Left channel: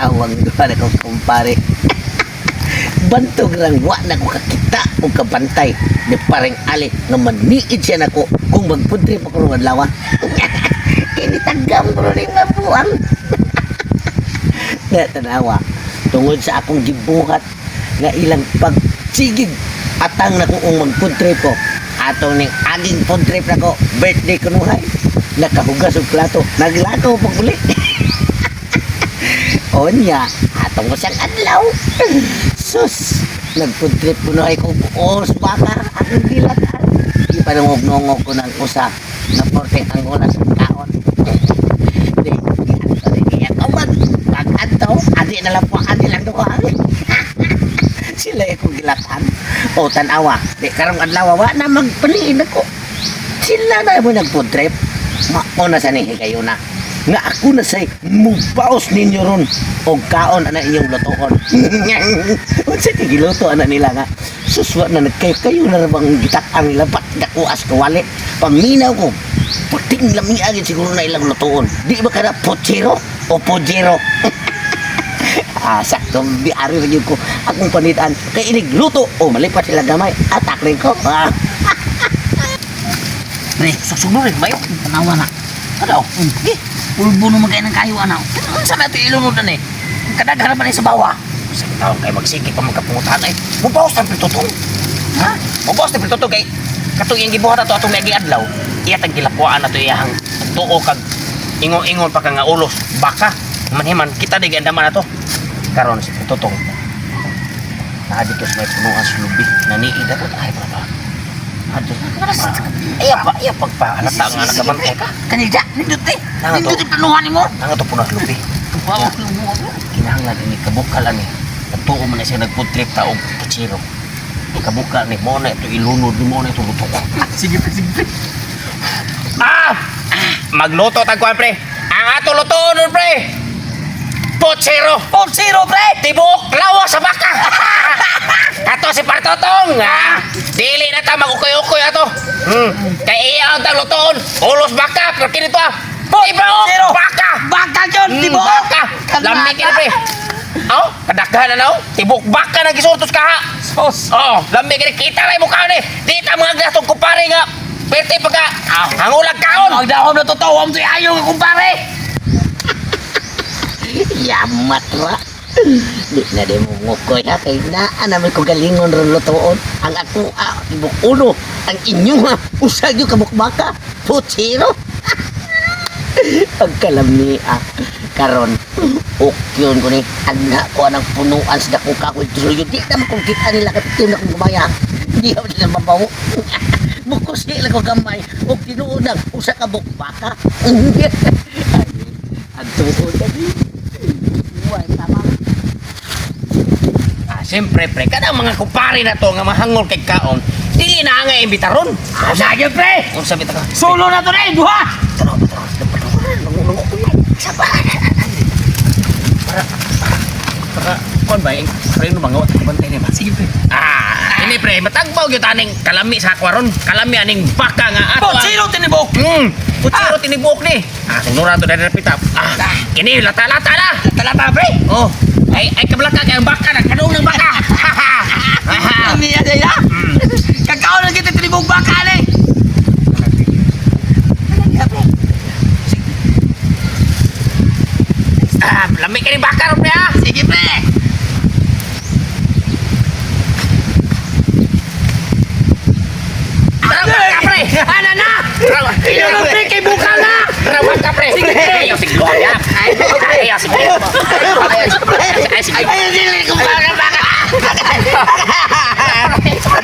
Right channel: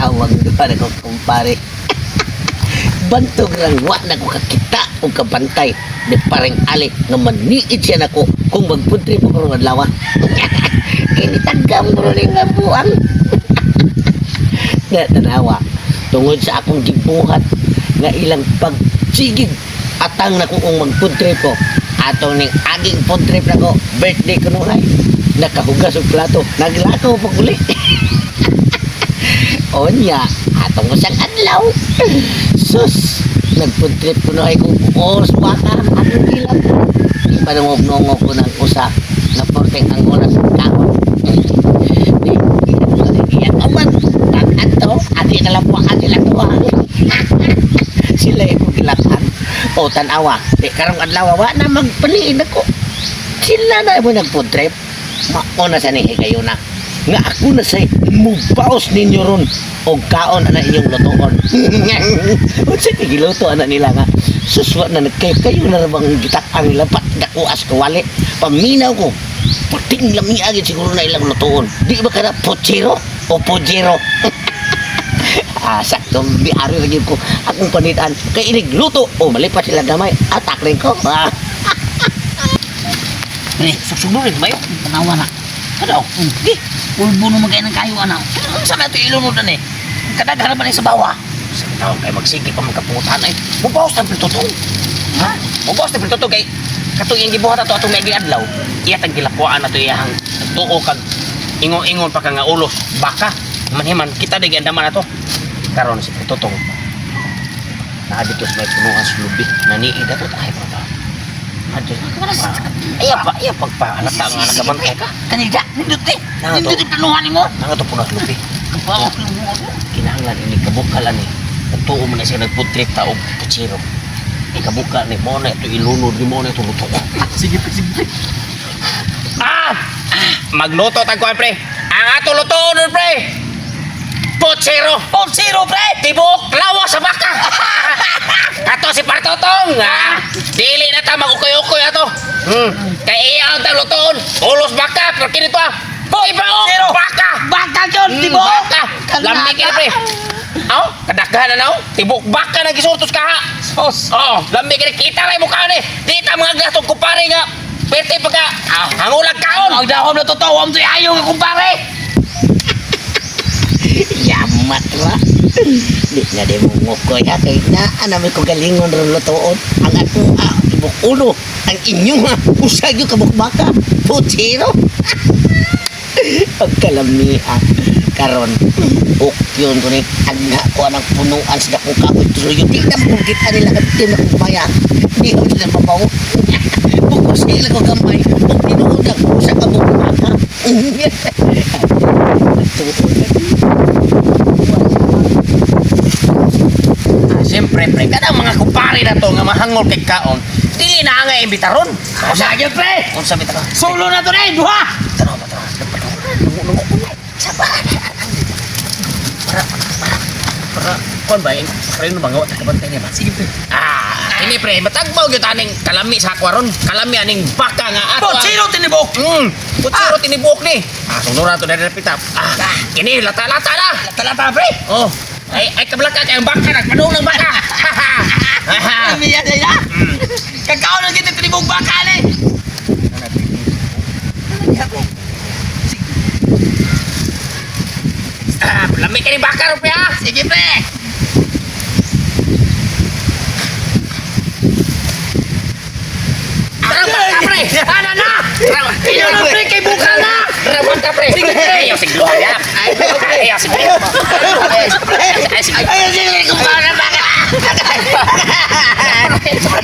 awang doon ako kumpare. Bantog lang wa na ko kakita o kabantay ni pareng ali nga maniid siya nako kung magpudri pa ko ng adlaw. Kini tagam bro ni nga buang. Natanawa tungod sa akong gibuhat nga ilang pagsigig atang na kung magpudri po atong ning aging food trip na ko birthday ko nuhay nakahugas og plato naglakaw pa uli. Onya atong usang adlaw sus nagfood trip ko nuhay ko oras baka atong gilang ipanungog-nungog ko ng usa na porteng angola sa kaon. Di aman pag-adto adi na lang po adi lang to. Sila yung gilatan o tanawa di karong adlaw wa na magpaniin ako sila na mo nag-food trip mauna sa nihi kayo na nga ako na say mubaos ninyo ron o kaon ana inyong lutoon. Unsa ti giluto ana nila nga suswa na nagkay kayo na bang gitak-ang nila ba't nakuas kawali paminaw ko puting lami agad siguro na ilang lutoon di ba kada pochero o pojero. Sakto biari lagi ko akong panitaan kay inig luto o malipat sila gamay atak rin ko. Pre, susunod rin ba yun? Tanawa na. Ano? Sige, ulbo naman kayo ng kayo, ano? Saan na ito ilunod na eh? Kadaghan naman sa bawa. Sige tawag kayo magsiki pa magkapungutan eh. Mubawas ng pritutong. Ha? Mubawas ng pritutong kay katong yung gibuhat na ito atong may adlaw. Iyat ang gilapuan na ito iyahang tuo kag ingon-ingon pa ka nga ulos. Baka, manhiman, kita di gandaman na ito. Karon si pritutong. Naaditos may punuan sa lubi. Naniid na ito. Ay, pa. Aduh, iya pagpahalata nga nakabantay ka. Kanida, nindot eh. Nindot yung planuhan mo. Nang ito punah lupi. Kapawak yung mo. Kinahanglan ini kabukal ani. Natuo mo na siya nag-food trip ta og puchiro. Kabukal ni mo na ito ilunod ni mo na ito luto. Sige. Magluto tagkuhan pre. Ang ato lutoon nun pre. Puchiro, pre! Tibok, lawa sa baka! Ato si Partotong, ha? Dili na ta mag-ukoy-ukoy ato. Kaya iya ang taglutoon. Ulos baka, pero kinito Tibok, baka! Baka yun, tibok! Baka! Lamig ka na, pre. Kadaghan na na, tibok baka na gisurtos ka, ha? Lamig ka na, kita na yung mukha ni. Dita mga gastong kumpare nga. Pwede pagka, hangulag kaon. Ang dahom na totoo, ang ayaw nga kumpare. Yamat ra. Di na di mo ngukoy ha kay naa namin ko galingon ron lutoon. Ang ato ibok ulo. Ang inyo usag yung kabukbaka. Puchiro. Pagkalami karon ukyon ko ni agna ko anang punuan sa dakong kahoy tuloy di na makukita nila katim na kong kumaya. Di ako nila mabaw. Bukos sila ko gamay o tinuunang sa kabukbaka. Nagtuon na Siyempre, pre, kadang mga kumpare na to nga mahangol kay kaon, dili na nga imbitaron. Sige, pre! Kung sabi ka, solo na to na eh, duha! Tanaw ba ito? Para, kuhan ba, para yung mga wata kabantay niya ba? Sige, pre. Ini pre, matagbaw yung taning kalami sa akwaron. Kalami aning baka nga ato. Puchiro tinibok! Puchiro tinibok ni. Sunod na to na napitap. Ini, lata-lata na! Lata-lata, pre! Oh. Ay kablaka kayong baka, nagpanong ng baka! Kami yan ya? Kakao lang kita tinibog baka, ale! Lamig ka rin baka, pre, ha? Sige, pre! Rabat ka, pre! Ano na? Pre, kay buka na! Rabat ka, pre! Sige, pre! Ayaw, siglo! Ayaw, siglo! Ayaw, siglo! Ayaw, siglo!